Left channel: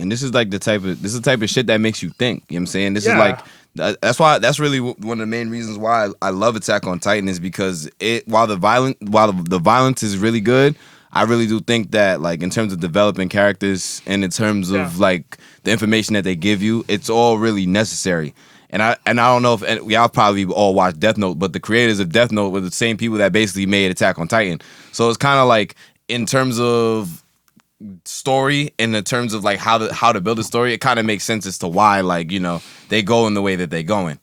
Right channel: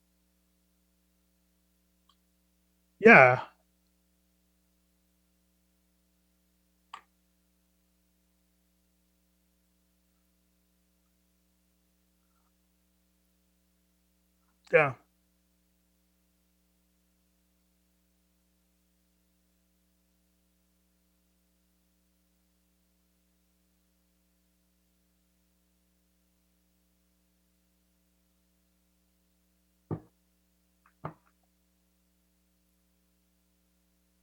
And this is like the type of shit that makes you think. You know what I'm saying? This is like that's really one of the main reasons why I love Attack on Titan is because while the violence is really good, I really do think that like in terms of developing characters and in terms of like the information that they give you, it's all really necessary. And I don't know if y'all probably all watched Death Note, but the creators of Death Note were the same people that basically made Attack on Titan. So it's kind of like in terms of story and in terms of like how to build a story, it kind of makes sense as to why like they go in the way that they going.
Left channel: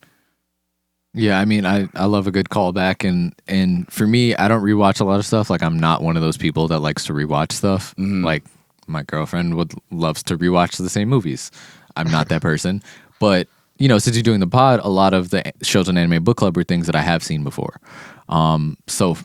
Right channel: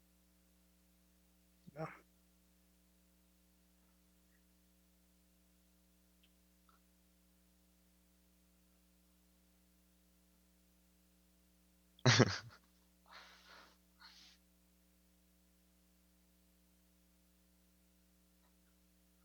Yeah, I mean, I love a good callback, and for me, I don't rewatch a lot of stuff. Like, I'm not one of those people that likes to rewatch stuff. Mm-hmm. Like, my girlfriend loves to rewatch the same movies. I'm not that person, but since you're doing the pod, a lot of the shows on Anime Book Club are things that I have seen before. So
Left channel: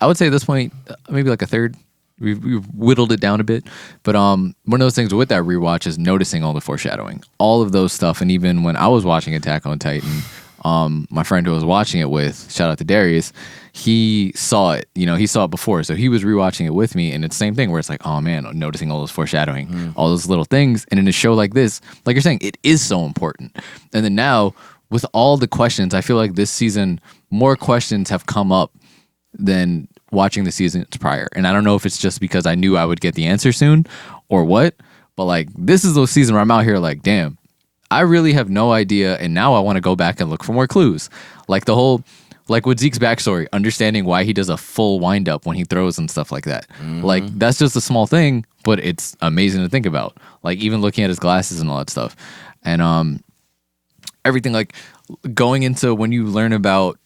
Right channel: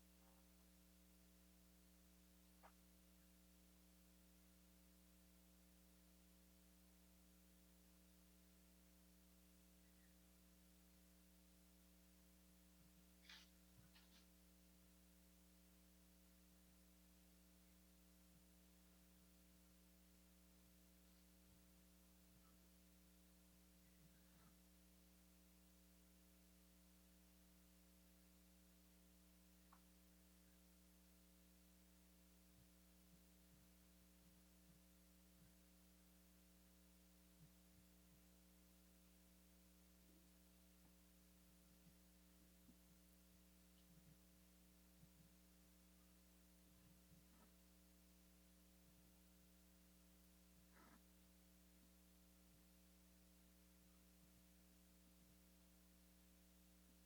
I would say at this point, maybe like a third. We've whittled it down a bit, but one of those things with that rewatch is noticing all the foreshadowing, all of those stuff, and even when I was watching Attack on Titan, my friend who I was watching it with, shout out to Darius, he saw it. He saw it before, so he was rewatching it with me, and it's the same thing where it's like, oh man, noticing all those foreshadowing, all those little things, and in a show like this, like you're saying, it is so important. And then now with all the questions, I feel like this season more questions have come up than watching the seasons prior. And I don't know if it's just because I knew I would get the answer soon or what, but like this is the season where I'm out here like, damn, I really have no idea, and now I want to go back and look for more clues. Like the whole, like with Zeke's backstory, understanding why he does a full wind up when he throws and stuff like that. Mm-hmm. Like that's just a small thing, but it's amazing to think about. Like even looking at his glasses and all that stuff. And everything like going into when you learn about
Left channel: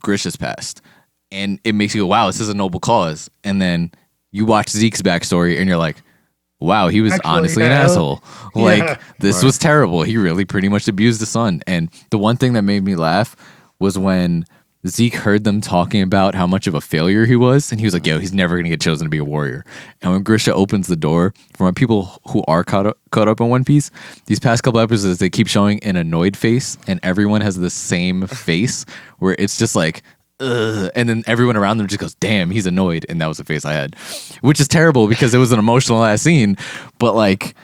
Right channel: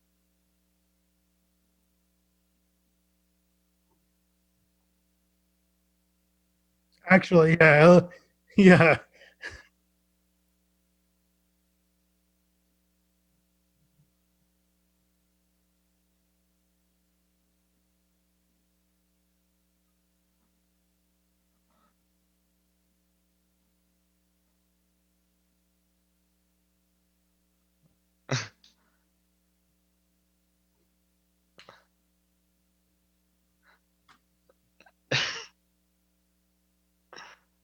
Grisha's past, and it makes you go, wow, this is a noble cause. And then you watch Zeke's backstory and you're like, wow, he was honestly an asshole. Like, this was terrible. He really pretty much abused the son. And the one thing that made me laugh was when Zeke heard them talking about how much of a failure he was. And he was like, yo, he's never going to get chosen to be a warrior. And when Grisha opens the door, for my people who are caught up in One Piece, these past couple episodes, they keep showing an annoyed face. And everyone has the same face where it's just like, ugh, and then everyone around them just goes, damn, he's annoyed. And that was the face I had, which is terrible because it was an emotional ass scene. But like,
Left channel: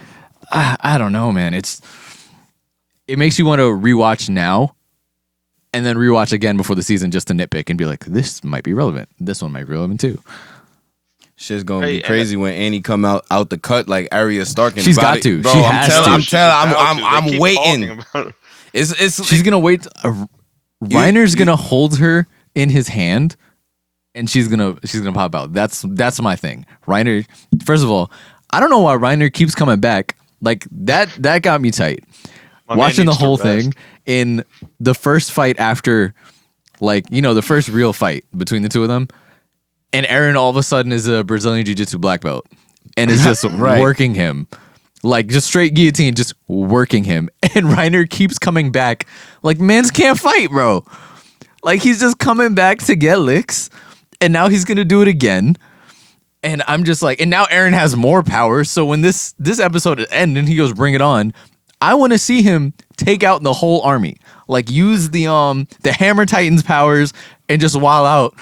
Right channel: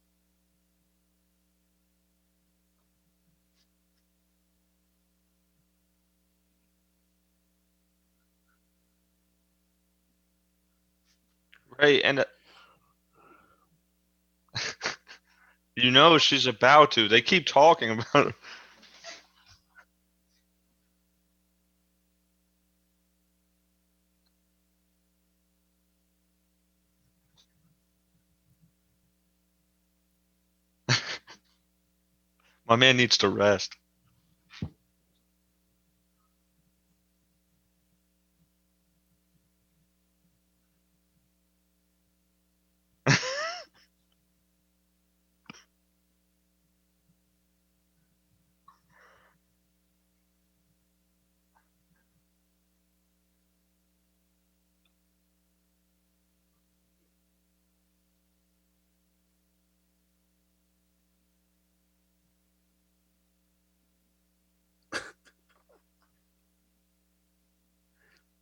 I don't know, man. It makes you want to rewatch now and then rewatch again before the season just to nitpick and be like, this might be relevant. This one might be relevant too. Shit's gonna be crazy when Annie come out the cut like Arya Stark. She's got to. Bro, she has to. I'm waiting. She's gonna wait. Reiner's gonna hold her in his hand, and she's gonna pop out. That's my thing. Reiner. First of all, I don't know why Reiner keeps coming back. Like that got me tight. Watching the whole thing in the first fight after, like the first real fight between the two of them, and Eren all of a sudden is a Brazilian Jiu-Jitsu black belt, and is just working him. Like, just straight guillotine, just working him. And Reiner keeps coming back. Like, mans can't fight, bro. Like, he's just coming back to get licks. And now he's going to do it again. And I'm just like, and now Eren has more power. So when this episode ends and he goes, bring it on, I want to see him take out the whole army. Like, use the Hammer Titan's powers and just wild out.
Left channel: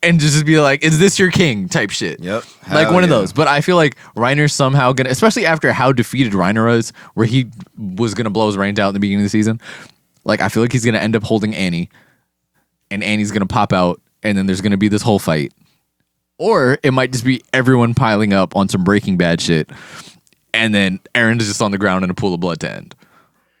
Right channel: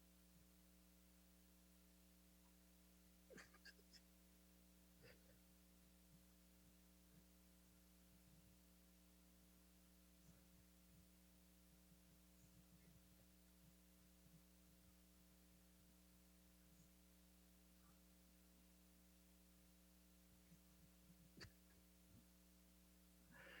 And just be like, is this your king type shit? Yep. Like one of those. But I feel like Reiner's somehow going to, especially after how defeated Reiner was, where he was going to blow his brains out in the beginning of the season. Like, I feel like he's going to end up holding Annie. And Annie's going to pop out. And then there's going to be this whole fight. Or it might just be everyone piling up on some Breaking Bad shit. And then Eren's just on the ground in a pool of blood to end.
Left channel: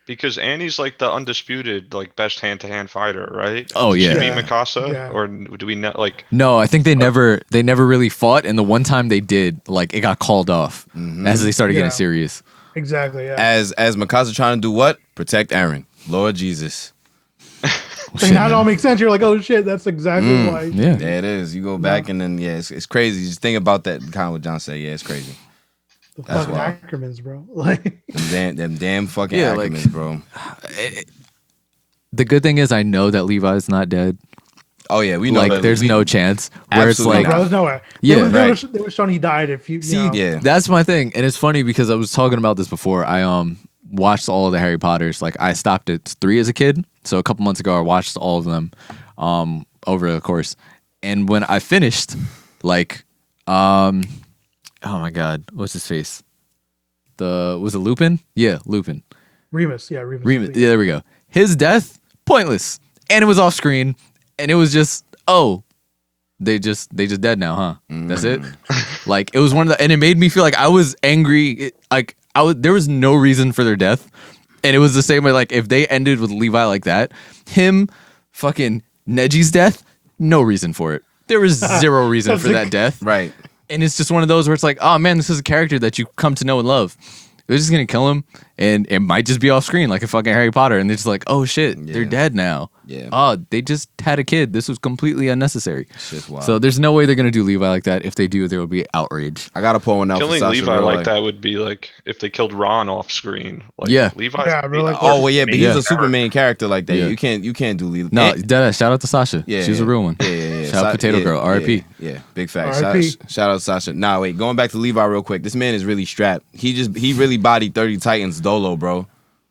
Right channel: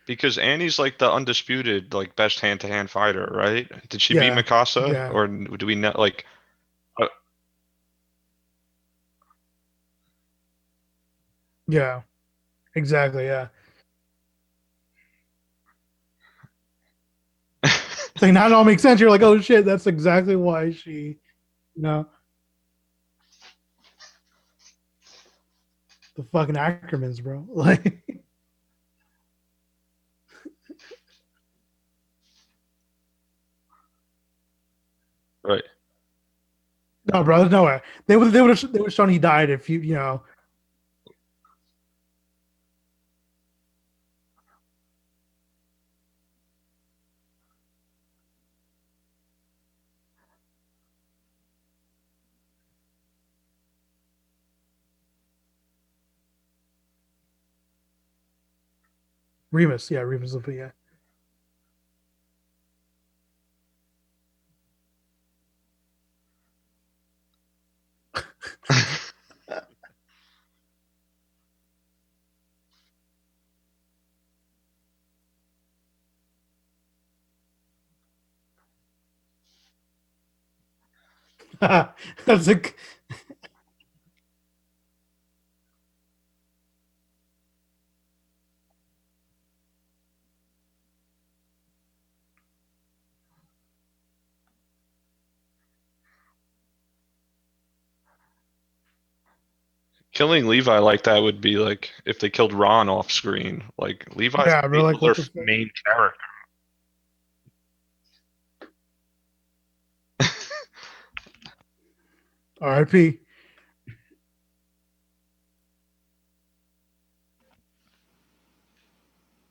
Because Annie's like the undisputed, like, best hand-to-hand fighter, right? Oh, Did yeah. she beat Mikasa? Yeah. Or do we not, like... No, I think they never really fought, and the one time they did, like, it got called off as they started getting serious. Exactly, yeah. As Mikasa trying to do what? Protect Eren. Lord Jesus. So now it all makes sense. You're like, oh shit, that's exactly why. Yeah. Yeah, it is. You go back and then, it's crazy. Just think about that, kind of what John said. Yeah, it's crazy. The fucking acronyms, bro. Like them damn fucking acronyms, like, bro. The good thing is I know that Levi's not dead. Oh yeah, we know. Like, there's no chance. Where it's like, no, bro, there's no way. Yeah, they were showing he died if you know. Yeah. That's my thing. And it's funny because I was talking about this before. I watched all of the Harry Potters. Like, I stopped at 3 as a kid. So a couple months ago I watched all of them over the course. And when I finished, like, oh my God, what's his face? was it Lupin? Yeah, Lupin. Remus, yeah, Remus. Yeah, there we go. His death, pointless, and it was off screen, and it was just they just dead now, huh? That's it. Like it was one of the, and it made me feel like I was angry. There was no reason for their death, and it was the same way. Like if they ended with Levi like that, him, fucking Neji's death, no reason for it. There was zero reason for that death, Right. and it's just one of those where it's like, oh man, this is a character that you come to know and love. They're just gonna kill him, and it might just be off screen like a fucking Harry Potter, and they're just like, oh shit, they're dead now. Yeah. Oh, they just had a kid. This was completely unnecessary. Shit's wild. So there's no way they're gonna do Levi like that. If they do, there will be outrage. I gotta pull one out. Killing for Sasha, Levi bro, like that would be like if they killed Ron off screen. Like Yeah. Levi's Yeah, bro, like, Oh well, yeah, but he's main a super character. main character like that. Yeah. You can't do Levi. No, deadass. Shout out to Sasha. Yeah, She's a yeah. real one. Yeah. Shout out Potato Girl. R.I.P. Yeah, big facts. R.I.P. Shout out to Sasha. Nah, wait, going back to Levi real quick. This man is really strapped. He really bodied 30 Titans dolo, bro.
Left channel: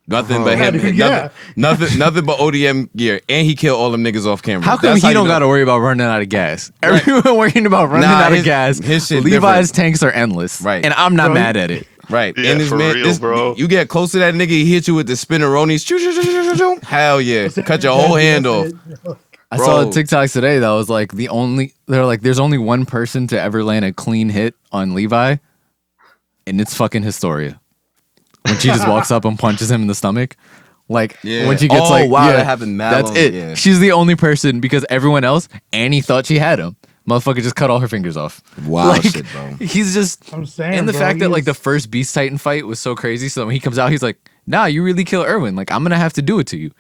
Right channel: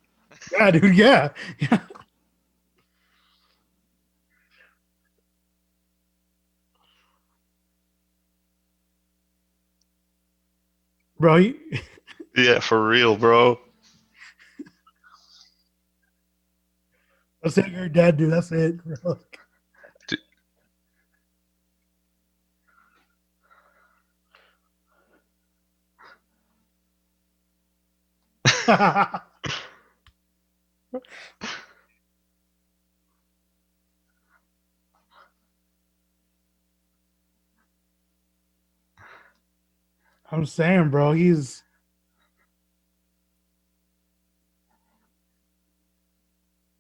Nothing but Yeah, dude, yeah. nothing but ODM gear, and he killed all them niggas off camera. How come That's he you don't know- got to worry about running out of gas? Everyone worrying about running Nah, out of his- gas. his shit Levi's different. tanks are endless. Right. And I'm not Bro, mad at it. Right. Yeah, And this for real, bro. You get close to that nigga, he hit you with the spinneronis. Choo, choo, choo, choo, choo, choo. Hell yeah. That's it, Cut your you're whole dead, hand that's off. it. I saw a Bro. TikTok today that was like they're like, there's only one person to ever land a clean hit on Levi, and it's fucking Historia. When she just walks up and punches him in the stomach. Like Yeah. when she gets Oh, like, wow, yeah, that happened mad that's long- it. yeah. She's the only person because everyone else, Annie thought she had him. Motherfucker just cut all her fingers off. Wow, Like, shit, bro. He's just I'm saying, and the bro, fact that like the he's- first Beast Titan fight was so crazy. So when he comes out, he's like, "Nah, you really kill Erwin. Like I'm gonna have to do it to you,"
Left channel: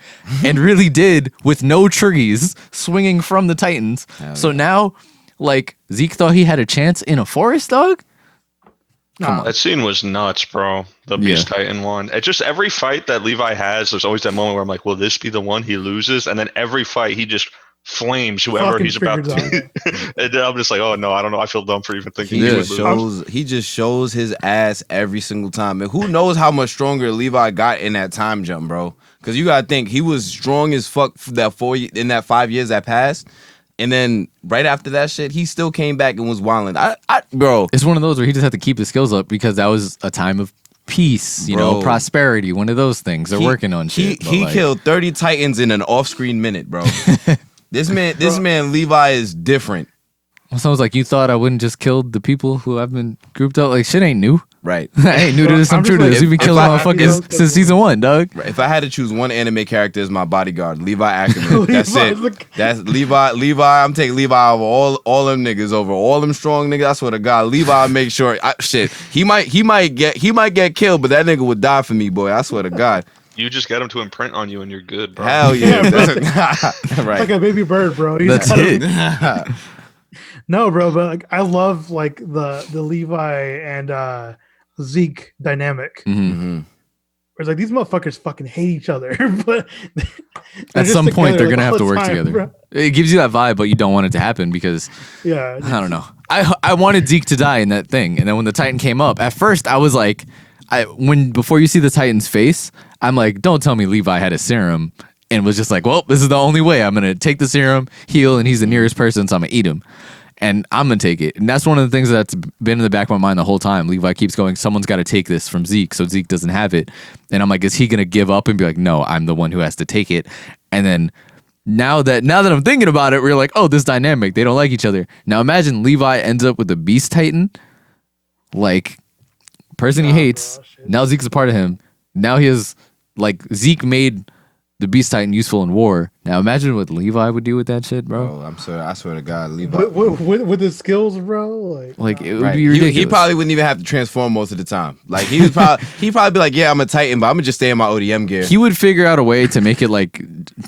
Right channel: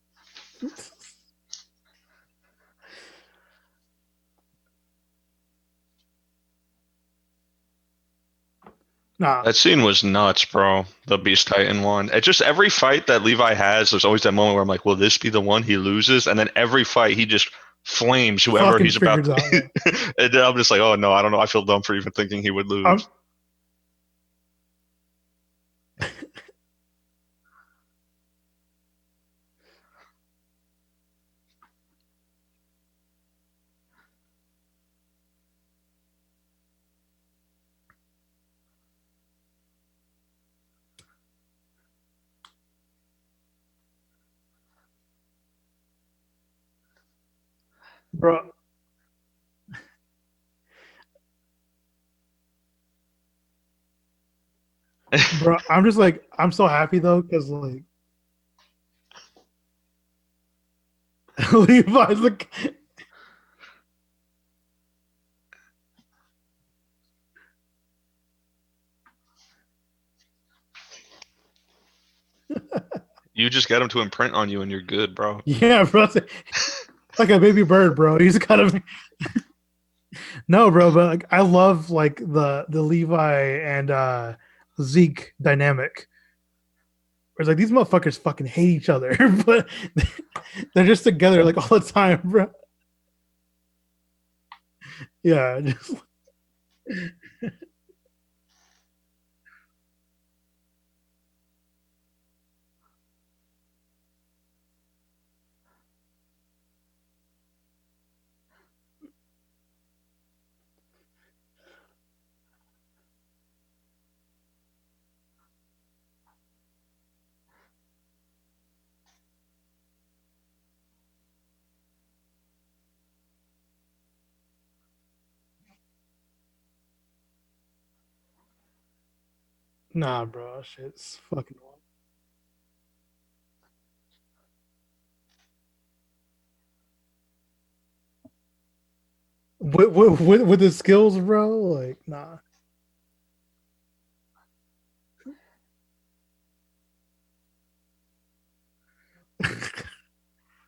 and really did with no triggies swinging from the Titans. So now, like Zeke thought he had a chance in a forest, dog. Nah, That scene was nuts, bro. The Beast Titan one. It just every fight that Levi has, there's always that moment where I'm like, will this be the one he loses? And then every fight he just flames whoever Fucking he's about to. figures And then I'm just like, oh no, I don't know. I feel dumb for even thinking he would lose. He just shows his ass every single time. And who knows how much stronger Levi got in that time jump, bro? Because you gotta think he was strong as fuck for that in that 5 years that passed. And then right after that shit, he still came back and was wilding. Bro, It's one of those where he just had to keep his skills up because that was a time of peace, you know, Bro. prosperity. One of those things. They're working on shit. but, He like, killed 30 Titans in an off-screen minute, bro. This man Levi is different. Someone's like, you thought I wouldn't just kill the people who I've been grouped up? Like shit ain't new. Right. I ain't new to this. I'm I'm true just to like, this. We've been I'm killing so happy though, motherfuckers since season 1, dog. If I had to choose one anime character as my bodyguard, Levi Ackerman. That's Levi's it. the- That's Levi. I'm taking Levi over all them niggas, over all them strong niggas. I swear to God, Levi make sure. He might get killed, but that nigga would die for me, boy. I swear to God. You just get him to imprint on you and you're good, bro. Hell yeah, Yeah, bro. right. like a baby bird, bro. He's That's got it. a, no, bro, but like I love like the Levi and Zeke dynamic. Mhm. Mhm. Where it's like these motherfuckers fucking hate each other, but they're At just some point, together, they're like, gonna have all to the work time, together. bro. It gives you that vibe, but you don't want it to happen because Yeah, I don't know. I wanted Zeke to die in that thing, and then when the Titan came up, at first I was like, before you see the Titan's face, I'm like, don't tell me Levi had a serum and was just like, well, this is the only way. I'm gonna take the serum, heal, and he's the nearest person, so I'm gonna eat him. And I'm gonna take it. And that's one of the things that's been in the back of my mind the whole time. Levi keeps going, someone's gotta take this from Zeke, so Zeke doesn't have it. And I'm like, is he gonna give up and be like, no, I'm the one who has to take it? And then now that I'm thinking about it, we're like, oh, this dynamic, they don't like each other. Now imagine Levi ends up with the Beast Titan, like person he Nah, hates. bro, shit. Now Zeke's a part of him. Now he has like Zeke made the Beast Titan useful in war. Now imagine what Levi would do with that shit, bro. Bro, I swear to God, Levi. with the skills, bro. Like It would Right. be ridiculous. He probably wouldn't even have to transform most of the time. Like he'd probably be like, yeah, I'm a Titan, but I'm gonna just stay in my ODM gear. He would figure out a way to make it like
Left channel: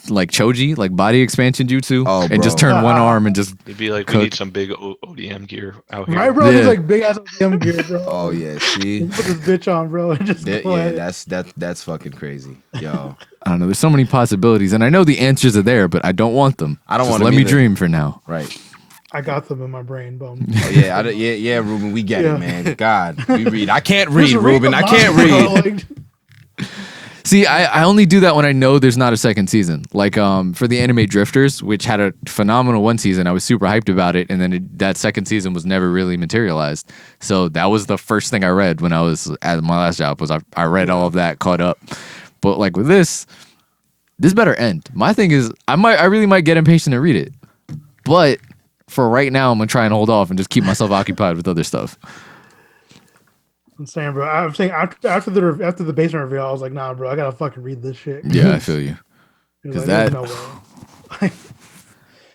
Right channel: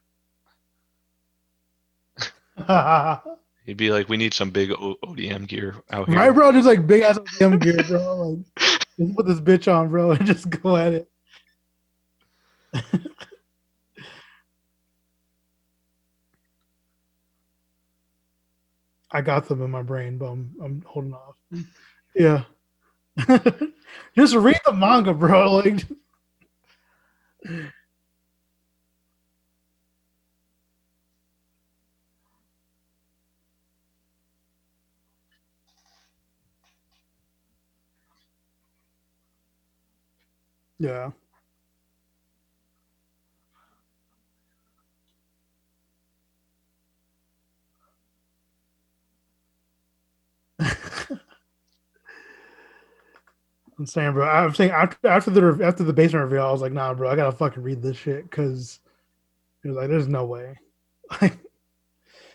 Choji, like body expansion jutsu, Oh, and just bro. turn one arm and just. He'd be like, we Cook. need some big ODM gear out here. right, bro. Yeah. Just like big ass ODM gear, bro. Oh yeah, see. Put this bitch on, bro, and just go at it. That's fucking crazy, yo. I don't know. There's so many possibilities, and I know the answers are there, but I don't want them. I don't Just want let them me either. dream for now. Right. I got them in my brain, bum. Oh yeah, yeah, Ruben, we get Yeah. it, man. God, we read. I can't read, Just read Ruben. the I can't manga, bro, read. like- See, I only do that when I know there's not a second season. Like for the anime Drifters, which had a phenomenal one season, I was super hyped about it, and then that second season was never really materialized. So that was the first thing I read when I was at my last job. Was I read all of that, caught up. But like with this better end. My thing is, I really might get impatient and read it, but for right now, I'm gonna try and hold off and just keep myself occupied with other stuff. I'm saying, bro. I'm saying after the basement reveal, I was like, nah, bro, I gotta fucking read this shit. Yeah, I feel you. It was like, there's no way.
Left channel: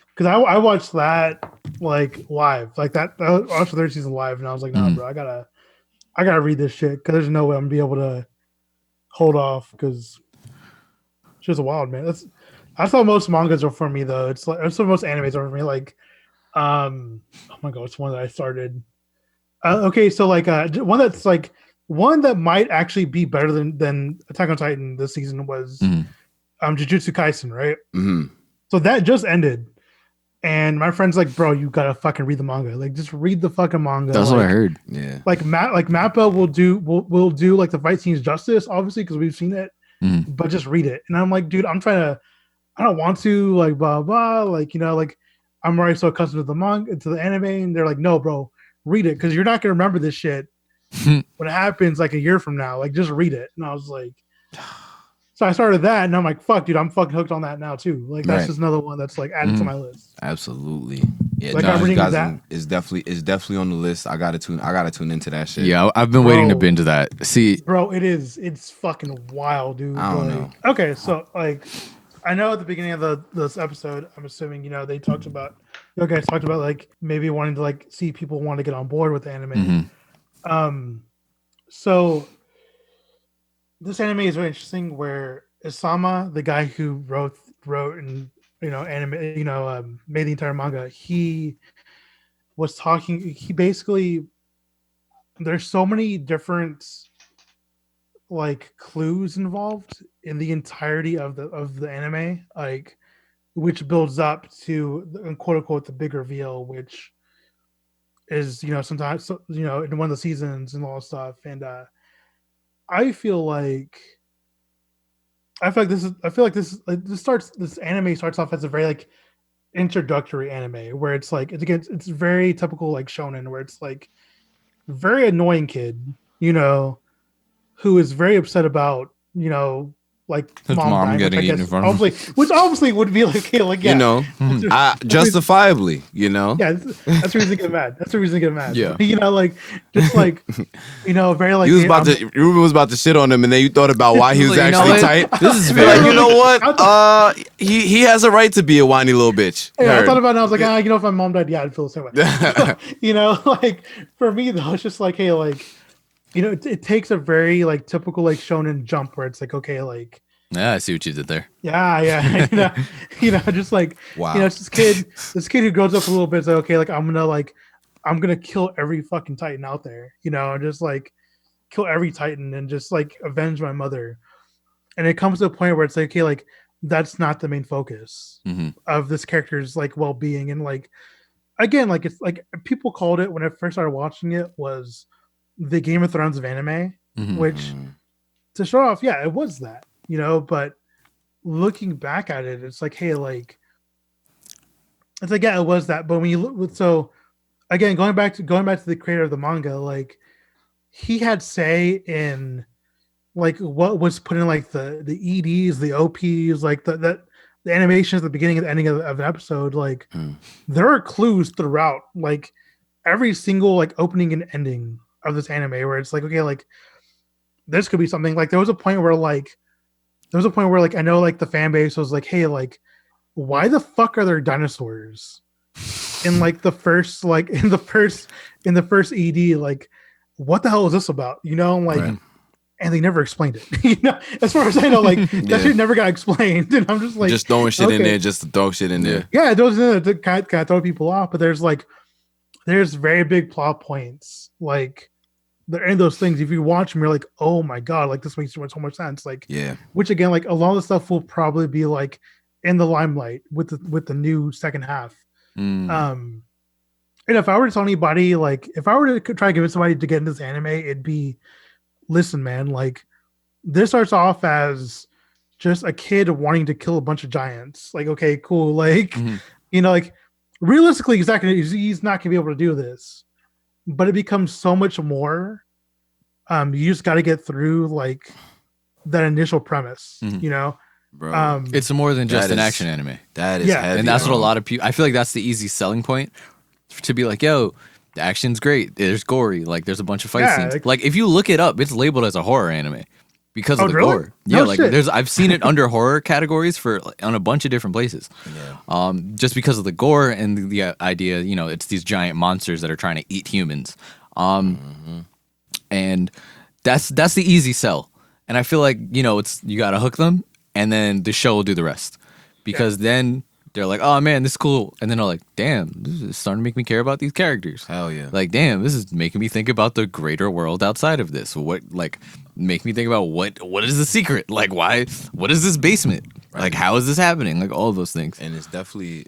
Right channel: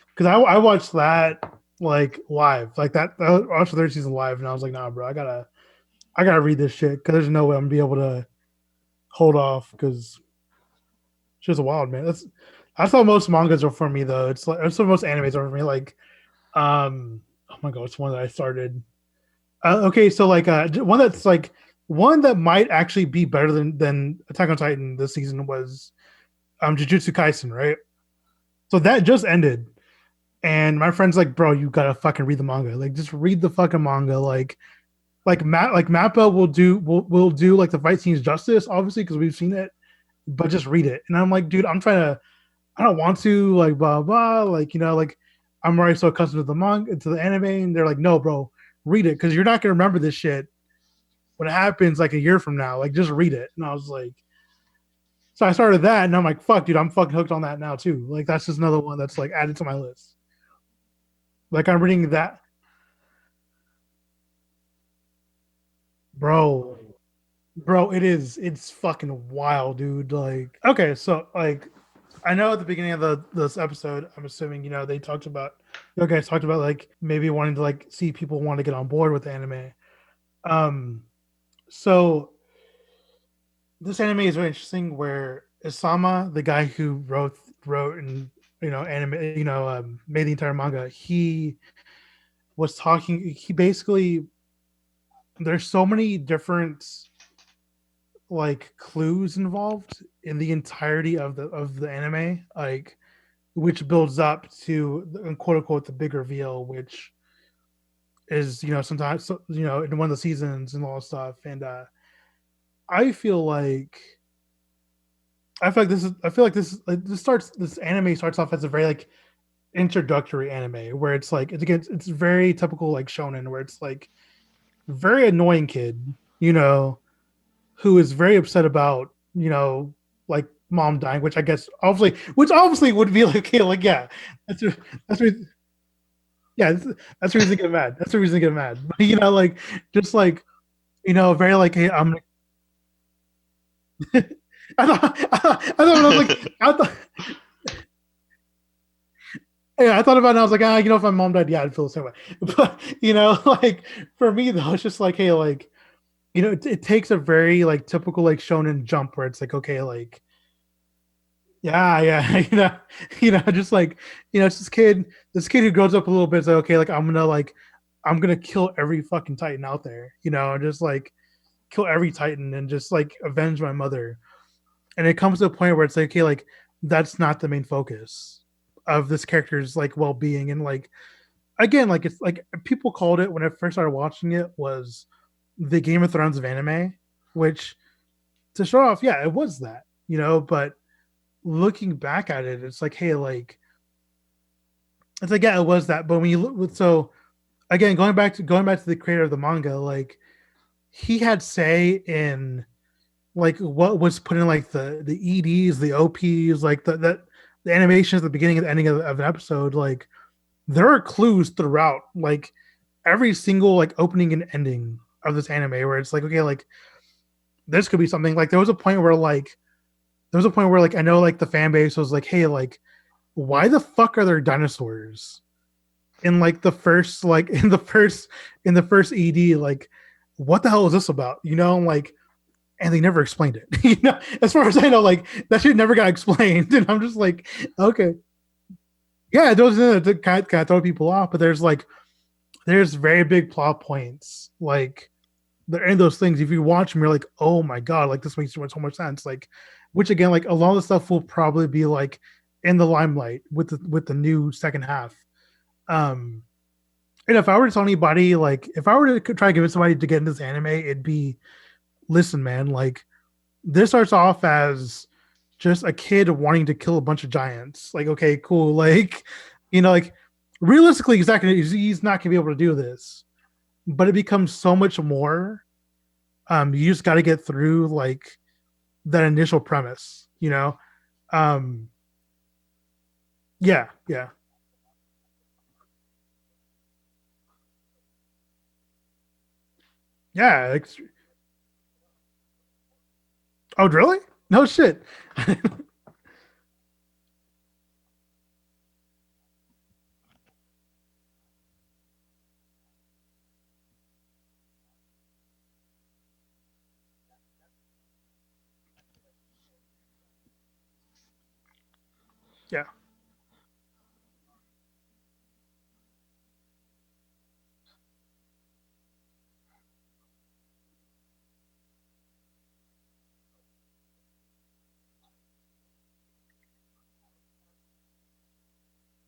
Because I watched that like live, like that. I watched the third season live, and I was like, nah, bro, I gotta read this shit because there's no way I'm gonna be able to hold off because it's just wild, man. That's how most mangas are for me, though. It's like that's what most animes are for me. Like, oh my god, it's one that I started. Okay, so like one that's like one that might actually be better than Attack on Titan this season was Jujutsu Kaisen, right? Mm-hmm. So that just ended, and my friend's like, "Bro, you gotta fucking read the manga. Like, just read the fucking manga." That's like, what I heard. Yeah. Like Mappa will do like the fight scenes justice, obviously, because we've seen it. But just read it. And I'm like, dude, I don't want to, like, blah blah, like, like I'm already so accustomed to the manga, to the anime, and they're like, no, bro, read it because you're not gonna remember this shit when it happens like a year from now. Like, just read it. And I was like, so I started that, and I'm like, fuck, dude, I'm fucking hooked on that now too. Like, that's just another one that's like added to my list. Absolutely. Yeah, like, I'm reading that. It's definitely on the list. I gotta tune into that shit. Yeah, I've been waiting to binge that. See, bro, it's fucking wild, dude. Like, okay, so like, I know at the beginning of this episode, I'm assuming you guys talked about like maybe wanting to like see people want to get on board with the anime. So this anime is very interesting. Where Isama, the guy who wrote and anime, made the entire manga, he was talking. He basically, there's so many different like clues involved in the entirety of the anime, like, which builds up to quote unquote the big reveal, which is sometimes in one of the seasons and all that stuff. And I feel like this anime starts off as a very like introductory anime where it's like it's very typical like shonen, where it's like very annoying kid who is very upset about like his mom dying, which I guess obviously would be like, okay, like, yeah, justifiably, yeah, that's the reason to get mad. That's the reason to get mad. Yeah, like just like very like Ruben was about to shit on him, and then you thought about why he was actually tight. This is very, you know what? He has a right to be a whiny little bitch. Yeah, I thought about it. And I was like, if my mom died, yeah, I'd feel the same way. Like for me though, it's just like, hey, like. It takes a very like typical like shonen jump where it's like, okay, like, yeah, I see what you did there. Yeah. Just like, wow. It's this kid who grows up a little bit. It's like, okay, like I'm gonna kill every fucking Titan out there, just like kill every Titan and just like avenge my mother. And it comes to a point where it's like, okay, like that's not the main focus of this character's like well-being. And like, again, like it's like people called it when I first started watching it was the Game of Thrones of anime, which to show off, yeah, it was that, but looking back at it, it's like, hey, like, it's like, yeah, it was that. But when you look, so again, going back to the creator of the manga, like he had say in like what was put in like the EDs, the OPs, like the animations at the beginning and the ending of an episode, like there are clues throughout like every single like opening and ending of this anime where it's like, okay, like this could be something. Like there was a point where I know like the fan base was like, hey, like why the fuck are there dinosaurs in like the first ED? Like what the hell is this about? Like right. And they never explained it. As far as I know, like that shit never got explained. And I'm just like, just throwing shit in there, just to throw shit in there. Yeah, it was to kind of throw people off. But there's very big plot points like they're in those things. If you watch them, you're like, oh my god, like this makes so much sense. Like, yeah. Which again, like a lot of the stuff will probably be like in the limelight with the new second half. And if I were to tell anybody, like if I were to try to convince somebody to get into this anime, it'd be, listen, man, like this starts off as just a kid wanting to kill a bunch of giants. Like, okay, cool. Like, like realistically, he's not gonna be able to do this. But it becomes so much more. You just got to get through like that initial premise, Bro. It's more than just an action anime. That is heavy, and that's what a lot of people. I feel like that's the easy selling point to be like, yo, the action's great. There's gory, like there's a bunch of fight scenes. Like if you look it up, it's labeled as a horror anime because of the really? gore. No like, shit. I've seen it under horror categories on a bunch of different places. Yeah. Just because of the gore and the idea, it's these giant monsters that are trying to eat humans. And that's the easy sell. And I feel like, it's you got to hook them and then the show will do the rest. Because then they're like, oh man, this is cool. And then they're like, damn, this is starting to make me care about these characters. Hell yeah. Like, damn, this is making me think about the greater world outside of this. Make me think about what is the secret? Like, what is this basement? Right. Like, how is this happening? Like, all of those things. And it's definitely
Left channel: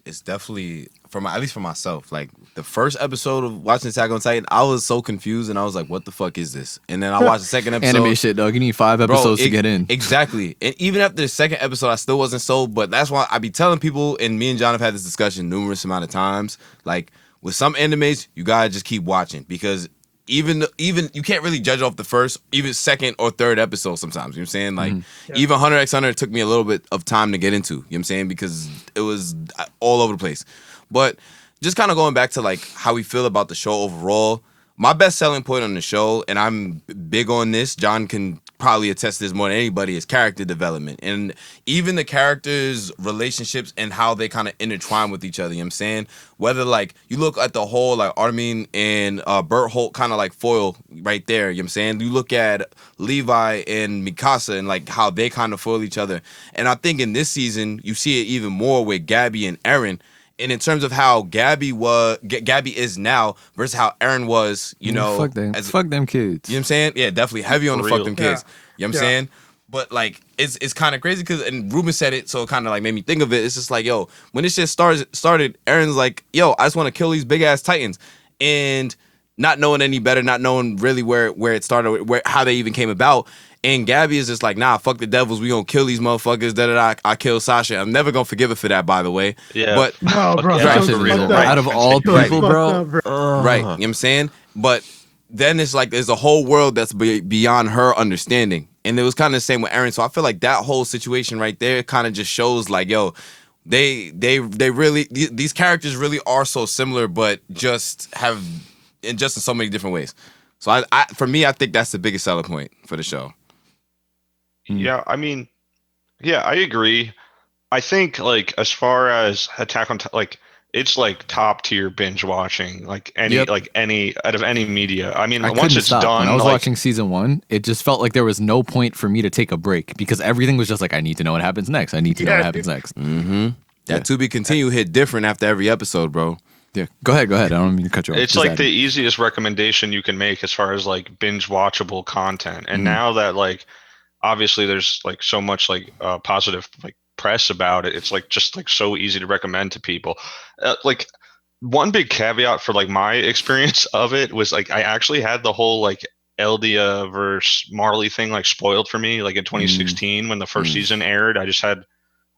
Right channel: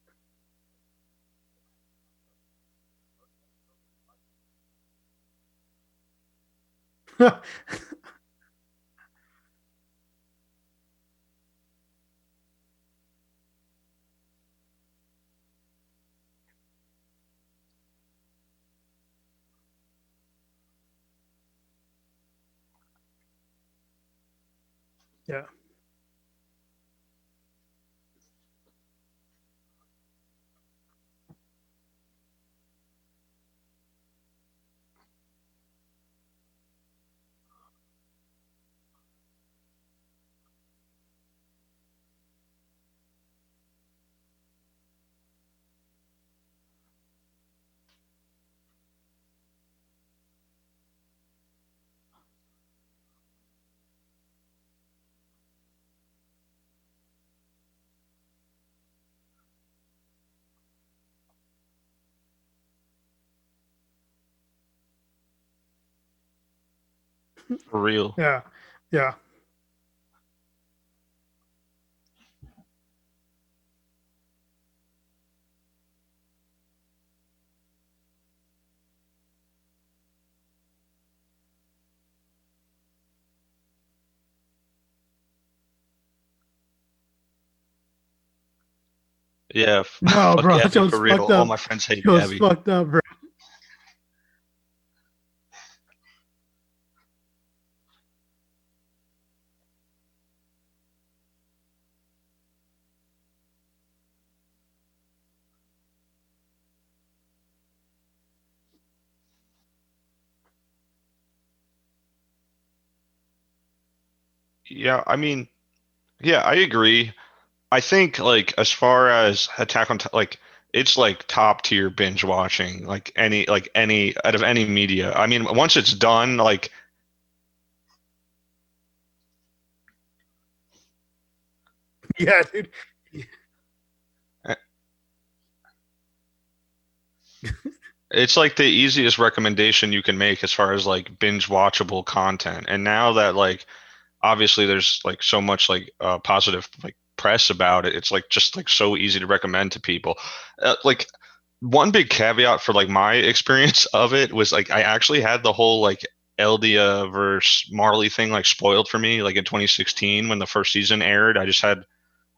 at least for myself, like the first episode of watching Attack on Titan, I was so confused and I was like, what the fuck is this? And then I watched the second episode. Anime shit, dog. You need 5 episodes to get in. Exactly. And even after the second episode, I still wasn't sold, but that's why I be telling people, and me and John have had this discussion numerous amount of times, like with some animes, you gotta just keep watching because even you can't really judge off the first, even second or third episode sometimes. You know what I'm saying? Like even Hunter x Hunter took me a little bit of time to get into. You know what I'm saying? Because it was all over the place. But just kind of going back to like how we feel about the show overall, my best selling point on the show, and I'm big on this, John can probably attest to this more than anybody, is character development. And even the characters' relationships and how they kind of intertwine with each other, you know what I'm saying? Whether like you look at the whole like Armin and Bert Holt kind of like foil right there, you know what I'm saying? You look at Levi and Mikasa and like how they kind of foil each other. And I think in this season, you see it even more with Gabby and Eren. And in terms of how Gabby is now versus how Eren was, fuck them kids. You know what I'm saying? Yeah, definitely heavy on the fuck them kids. You know what I'm saying? But like, it's kind of crazy because, and Ruben said it, so it kind of like made me think of it. It's just like, yo, when this shit started, Eren's like, yo, I just want to kill these big ass Titans, and not knowing any better, not knowing really where it started, how they even came about. And Gabby is just like, nah, fuck the devils. We gonna kill these motherfuckers. I killed Sasha. I'm never gonna forgive her for that, by the way. Yeah. But no, bro. Out of all people, bro. Right. You know what I'm saying? But then it's like there's a whole world that's beyond her understanding. And it was kind of the same with Eren. So I feel like that whole situation right there kind of just shows like, yo, they really, these characters really are so similar, but just in so many different ways. So for me, I think that's the biggest selling point for the show. Yeah, I mean, yeah, I agree. I think like as far as Attack on like it's like top tier binge watching, like any out of any media. I mean, once it's done, when I was watching season 1, it just felt like there was no point for me to take a break because everything was just like, I need to know what happens next. I need to know what happens next. Mm-hmm. That to be continued hit different after every episode, bro. Yeah, go ahead. I don't mean to cut you off. It's like the easiest recommendation you can make as far as like binge watchable content. And now that like obviously there's like so much like positive like press about it, it's like just like so easy to recommend to people. Like one big caveat for like my experience of it was like I actually had the whole like Eldia versus Marley thing like spoiled for me like in 2016 when the first season aired. I just had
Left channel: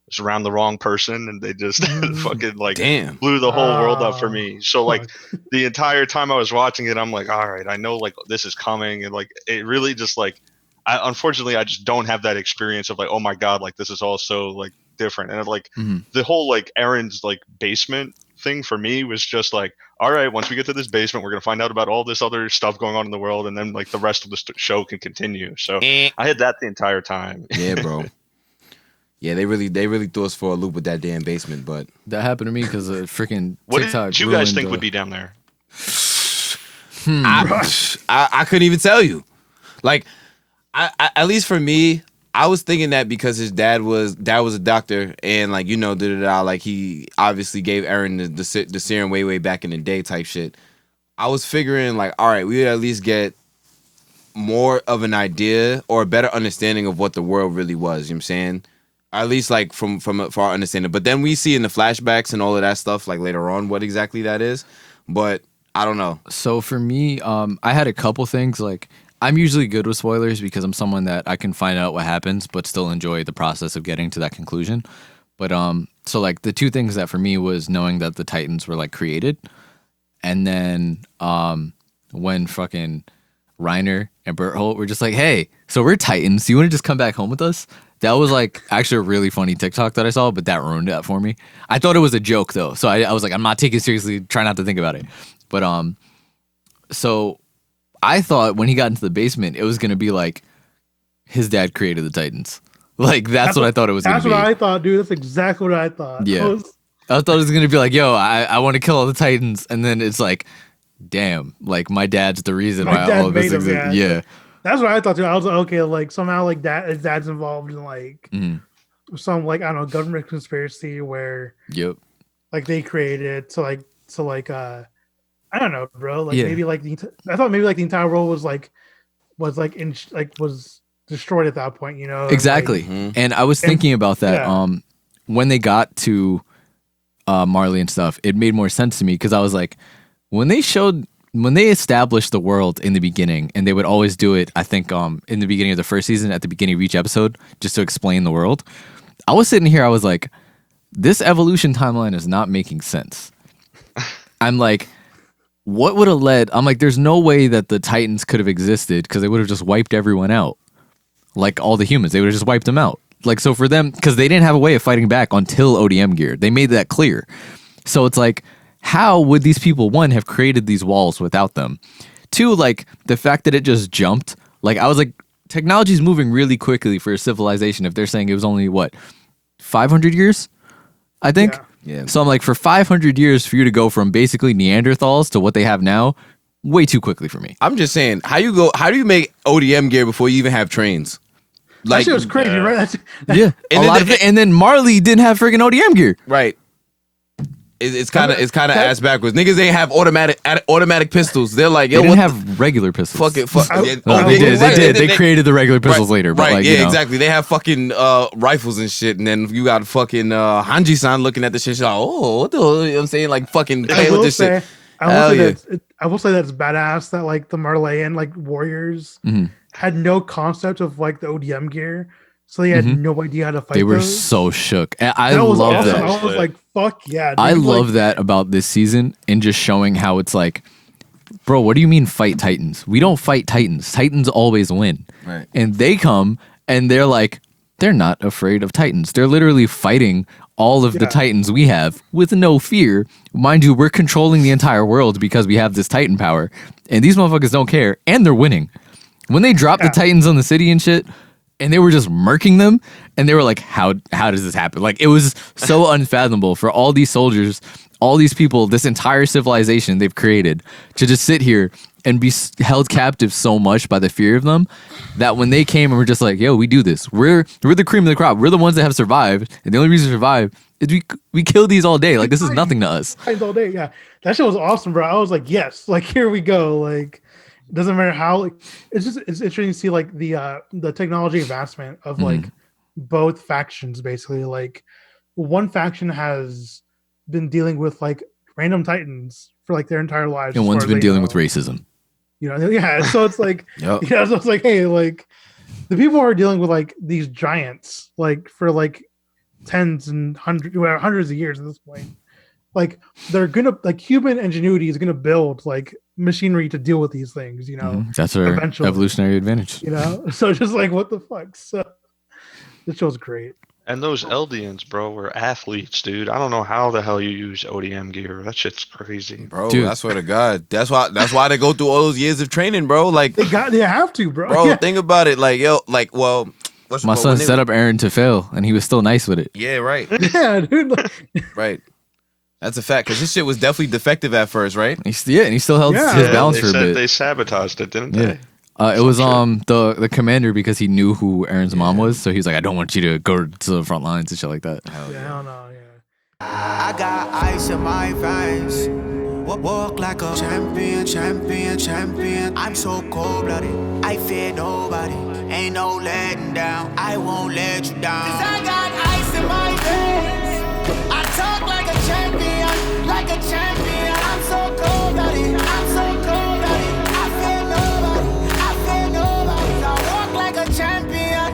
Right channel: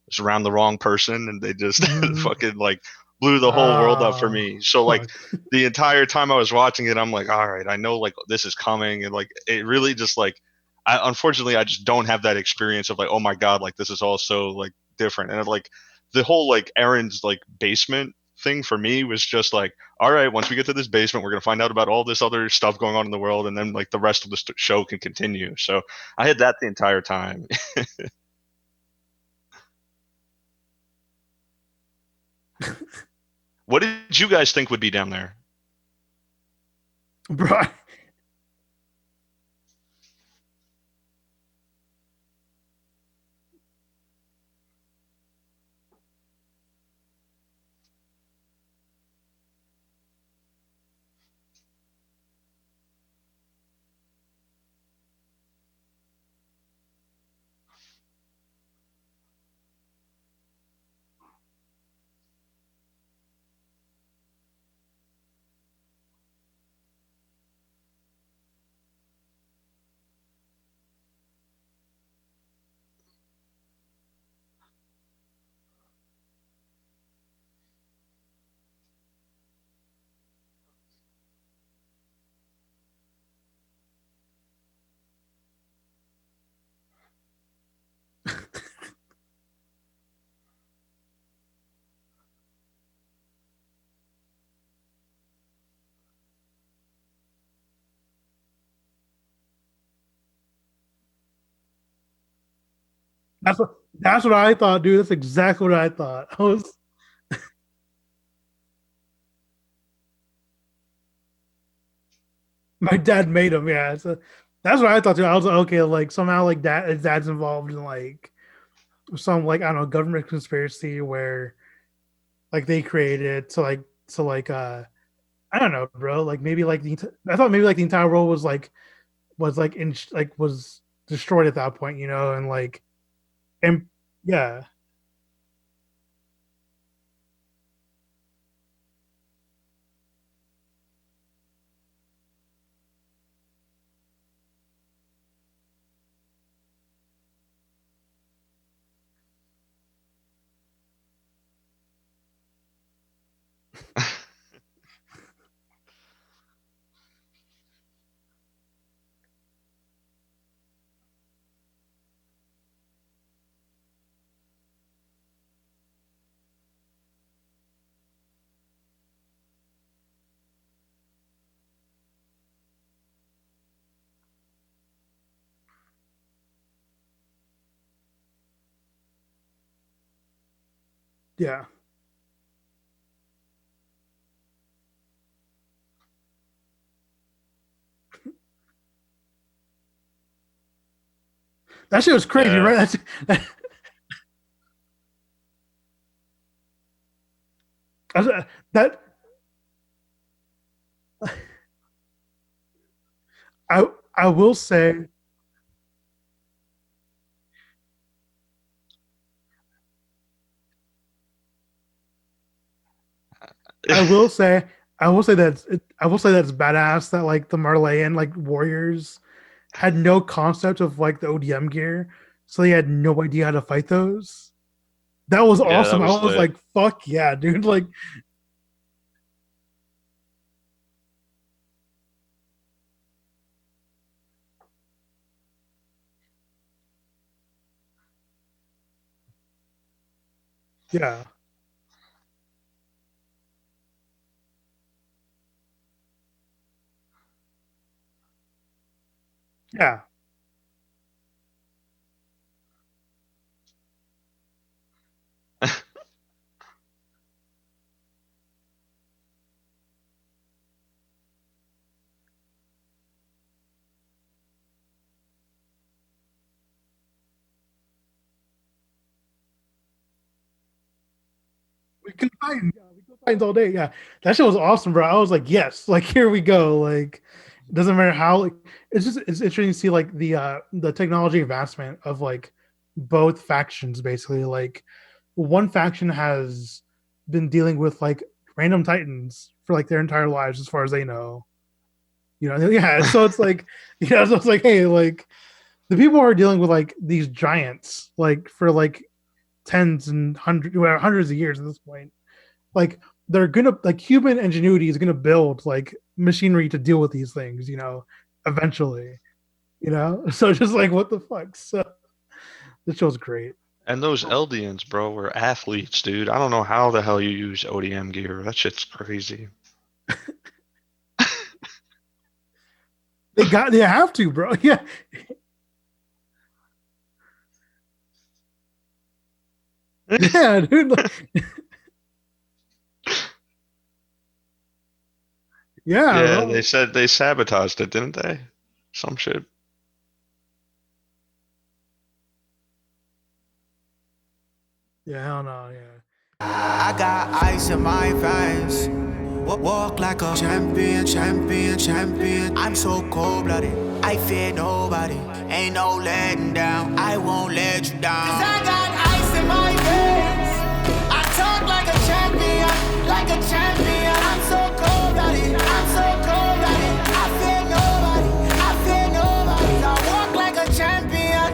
was around the wrong person and they just fucking like blew the whole world up for me. So like the entire time I was watching it, I'm like, all right, I know like this is coming, and like it really just like unfortunately I just don't have that experience of like, oh my god, like this is all so like different. And like the whole like Eren's like basement thing for me was just like, all right, once we get to this basement, we're gonna find out about all this other stuff going on in the world, and then like the rest of the show can continue. So I had that the entire time. Yeah, bro. Yeah, they really threw us for a loop with that damn basement, but that happened to me because of freaking. What did you guys think would be down there? I couldn't even tell you. Like, I at least for me, I was thinking that because his dad was a doctor, and like like he obviously gave Eren the serum way back in the day type shit. I was figuring like, all right, we would at least get more of an idea or a better understanding of what the world really was. You know what I'm saying? At least like from our understanding. But then we see in the flashbacks and all of that stuff like later on what exactly that is. But I don't know. So for me, I had a couple things like I'm usually good with spoilers because I'm someone that I can find out what happens, but still enjoy the process of getting to that conclusion. But so like the two things that for me was knowing that the Titans were like created, and then when fucking Reiner and Berthold were just like, hey, so we're Titans. Do you want to just come back home with us? That was like actually a really funny TikTok that I saw, but that ruined that for me. I thought it was a joke though, so I was like, I'm not taking it seriously. Try not to think about it. But so I thought when he got into the basement, it was gonna be like his dad created the Titans. Like that's what I thought it was. That's what I thought, dude. That's exactly what I thought. Yeah, I thought it was gonna be like, yo, I want to kill all the Titans, and then it's like, damn, like my dad's the reason. My dad made him. Yeah. That's what I thought too. I was like, okay, like somehow like his dad's involved in like some like I don't know government conspiracy where like they created I don't know, bro. Like maybe like I thought maybe like the entire world was destroyed at that point, you know? Exactly. And I was thinking about that. Yeah. When they got to Marley and stuff, it made more sense to me because I was like, when they established the world in the beginning, and they would always do it, I think, in the beginning of the first season, at the beginning of each episode, just to explain the world. I was sitting here, I was like, this evolution timeline is not making sense. I'm like, what would have led? I'm like, there's no way that the Titans could have existed because they would have just wiped everyone out. Like all the humans, they would have just wiped them out. Like, so for them, because they didn't have a way of fighting back until ODM gear. They made that clear. So it's like, how would these people, one, have created these walls without them? Two, like, the fact that it just jumped. Like, I was like, technology's moving really quickly for a civilization if they're saying it was only, 500 years? I think? Yeah. So I'm like, for 500 years for you to go from basically Neanderthals to what they have now, way too quickly for me. I'm just saying, how do you make ODM gear before you even have trains? Like, that shit was crazy, right? And then Marley didn't have freaking ODM gear. Right. It's kind of ass backwards. Niggas ain't have automatic pistols. They're like, yo, they didn't have regular pistols. They created the regular pistols later. But right, exactly. They have fucking rifles and shit, and then you got fucking Hanji-san looking at the shit. She's like, oh, what the hell? You know what I'm saying? Like fucking. I will say that's badass that like the Marleyan like warriors had no concept of like the ODM gear. So they had no idea how to fight. They were those. So shook. That was awesome. I was like, "Fuck yeah!" Dude. I love that about this season and just showing how it's like, bro. What do you mean fight Titans? We don't fight Titans. Titans always win. Right. And they come and they're like, they're not afraid of Titans. They're literally fighting all of the Titans we have with no fear. Mind you, we're controlling the entire world because we have this Titan power, and these motherfuckers don't care, and they're winning. When they drop the Titans on the city and shit. And they were just murking them, and they were like, how does this happen? Like, it was so unfathomable for all these soldiers, all these people, this entire civilization they've created to just sit here and be held captive so much by the fear of them that when they came and were just like, yo, we do this. We're the cream of the crop. We're the ones that have survived, and the only reason to survive is we kill these all day. Like, this is nothing to us. All day, yeah. That shit was awesome, bro. I was like, yes, like, here we go. Like, doesn't matter how. Like, it's interesting to see like the technology advancement of like both factions. Basically, like one faction has been dealing with like random Titans for like their entire lives, and one's been dealing with racism. You know, yeah. So it's like, so it's like, hey, like the people who are dealing with like these giants, like for like tens and hundreds of years at this point. Like they're gonna like human ingenuity is gonna build like machinery to deal with these things, you know. That's our evolutionary advantage, you know. So just like what the fuck. So this show's great. And those Eldians, bro, were athletes, dude. I don't know how the hell you use ODM gear. That shit's crazy, bro. Dude. I swear to God, that's why they go through all those years of training, bro. Like they have to, bro. Bro, think about it, like my son set up Aaron to fail, and he was still nice with it. Yeah, right. Yeah, dude. Right. That's a fact, because this shit was definitely defective at first, right? And he still held his balance they for a said bit. They sabotaged it, didn't they? It was the commander, because he knew who Aaron's mom was, so he's like, I don't want you to go to the front lines and shit like that. Hell no, I got ice in my veins. Walk like a champion. I'm so cold-blooded, I fear nobody. Ain't no letting down, I won't let you down. 'Cause I got ice in my veins.